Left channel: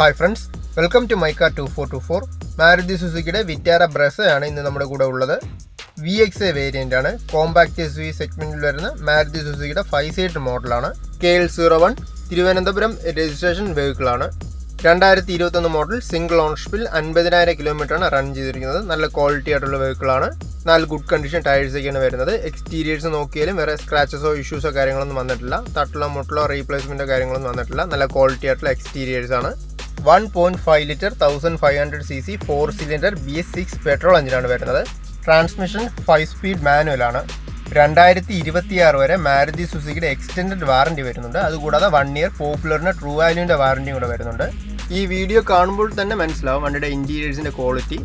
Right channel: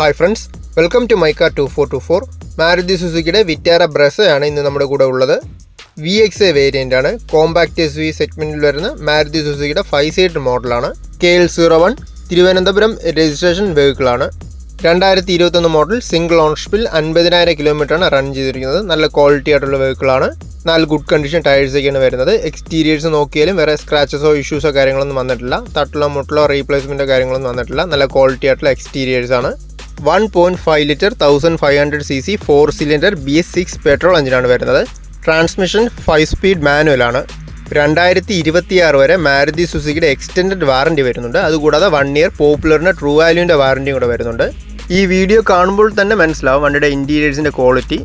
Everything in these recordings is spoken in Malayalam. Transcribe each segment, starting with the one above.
Hi friends, welcome to my car 2424. Maruti സുസുക്കിയുടെ വിറ്റാര ബ്രസയാണ് ഇന്ന് നമ്മുടെ കൂടെ ഉള്ളത്. VXA വേരിയൻ്റ് ആണ്. കോമ്പാക്ട് SUV സെഗ്മെൻറ്റിൽ വരുന്ന മാരുതി സുസുക്കിയുടെ 5 സീറ്റർ മോഡലാണ്. KL01 തിരുവനന്തപുരം രജിസ്ട്രേഷൻ വെഹിക്കിളാണ്. 2021 മോഡൽ സിംഗിൾ ഓണർഷിപ്പിൽ 50,000 കിലോമീറ്ററാണ് റൺ ചെയ്തിരിക്കുന്നത്. നല്ല ക്വാളിറ്റി ആയിട്ടുള്ള വെഹിക്കിളാണ്. നല്ല ഗുഡ് കണ്ടീഷൻ ടയേഴ്സൊക്കെയാണ് വരുന്നത്. എക്സ്റ്റീരിയേഴ്സ് നോക്കിയാലും വേറെ സ്ക്രാച്ചസോ ഇഷ്യൂസോ കാര്യങ്ങളൊന്നും വന്നിട്ടില്ല. തട്ടിലോ മുട്ടിലോ റീപ്ലേസ്മെൻറ്റോ കാര്യങ്ങളൊന്നും വന്നിട്ടില്ല. നല്ല ക്വാളിറ്റി ആയിട്ടുള്ള എക്സ്റ്റീരിയേഴ്സ് ആണ്. 1.5 litre 1500cc 4 cylinder BS6 petrol എഞ്ചിനാണ് വരുന്നത്. Transmission 5 speed മാനുവലാണ്. 2026 വരെ മാരുതി സുസുക്കിയുടെ എക്സ്റ്റൻഡഡ് വാറണ്ടി വരുന്നുണ്ട്. അതുകൂടാതെ 1 ഇയർ പോപ്പുലറിൻ്റെ ട്രൂ വാല്യൂവിൻ്റെ വാറണ്ടിയും കൂടെ വരുന്നുണ്ട്. ഈ വീഡിയോ കാണുമ്പോൾ തന്നെ മനസ്സിലാവും വണ്ടിയുടെ ഇൻറ്റീരിയേഴ്സിൻ്റെ ക്വാളിറ്റി.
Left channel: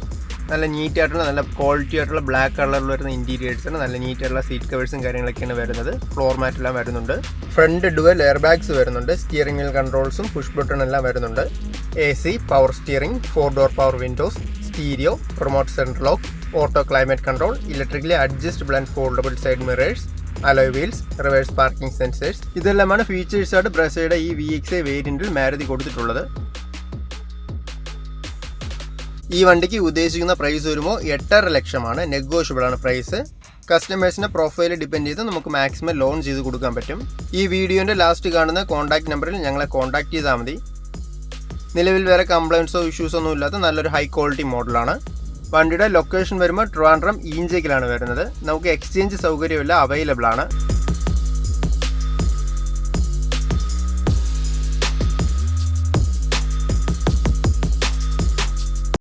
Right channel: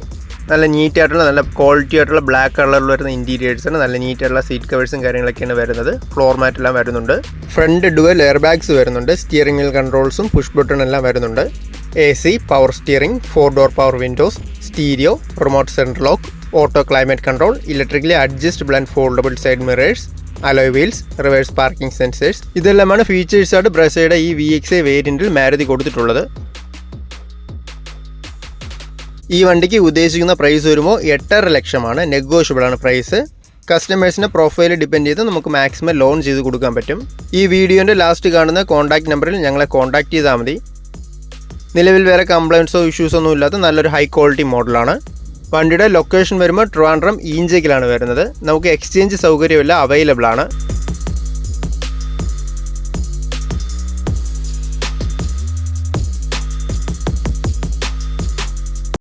നല്ല നീറ്റായിട്ടുള്ള നല്ല ക്വാളിറ്റി ആയിട്ടുള്ള ബ്ലാക്ക് കളറിൽ വരുന്ന ഇൻറ്റീരിയേഴ്സാണ്. നല്ല നീറ്റായിട്ടുള്ള സീറ്റ് കവേഴ്സും കാര്യങ്ങളൊക്കെയാണ് വരുന്നത്. ഫ്ലോർ മാറ്റെല്ലാം വരുന്നുണ്ട്. ഫ്രണ്ട് ഡുവൽ എയർ ബാഗ്സ് വരുന്നുണ്ട്. സ്റ്റിയറിംഗ് വീൽ കൺട്രോൾസും പുഷ് ബട്ടൺ എല്ലാം വരുന്നുണ്ട്. AC, power steering, 4 door power Windows, stereo, remote central lock, auto climate control, electrically adjustable and foldable side mirrors, alloy wheels, reverse parking sensors. ഇതെല്ലാമാണ് ഫീച്ചേഴ്സായിട്ട് ബ്രസയുടെ ഈ VXA വേരിയൻറ്റിൽ മാരുതി കൊടുത്തിട്ടുള്ളത്. ഈ വണ്ടിക്ക് ഉദ്ദേശിക്കുന്ന പ്രൈസ് വരുമ്പോൾ 8.5 ലക്ഷമാണ്. നെഗോഷ്യബിളാണ് പ്രൈസ്. കസ്റ്റമേഴ്സിൻ്റെ പ്രൊഫൈൽ ഡിപ്പെൻഡ് ചെയ്ത് നമുക്ക് മാക്സിമം ലോൺ ചെയ്ത് കൊടുക്കാൻ പറ്റും. ഈ വീഡിയോൻ്റെ ലാസ്റ്റ് കാണുന്ന കോൺടാക്ട് നമ്പറിൽ ഞങ്ങളെ കോൺടാക്ട് ചെയ്താൽ മതി. നിലവിൽ വേറെ കംപ്ലയിൻസോ ഇഷ്യൂസോ ഒന്നും ഇല്ലാത്ത നല്ലൊരു ഹൈ ക്വാളിറ്റി മോഡലാണ്. വണ്ടിയുടെ ലൊക്കേഷൻ വരുമ്പോൾ ട്രിവാൻഡ്രം ഈഞ്ചേക്കിലാണ് വരുന്നത്. നമുക്ക് എക്സ്ചേഞ്ച് സൗകര്യമെല്ലാം അവൈലബിൾ ആണ്.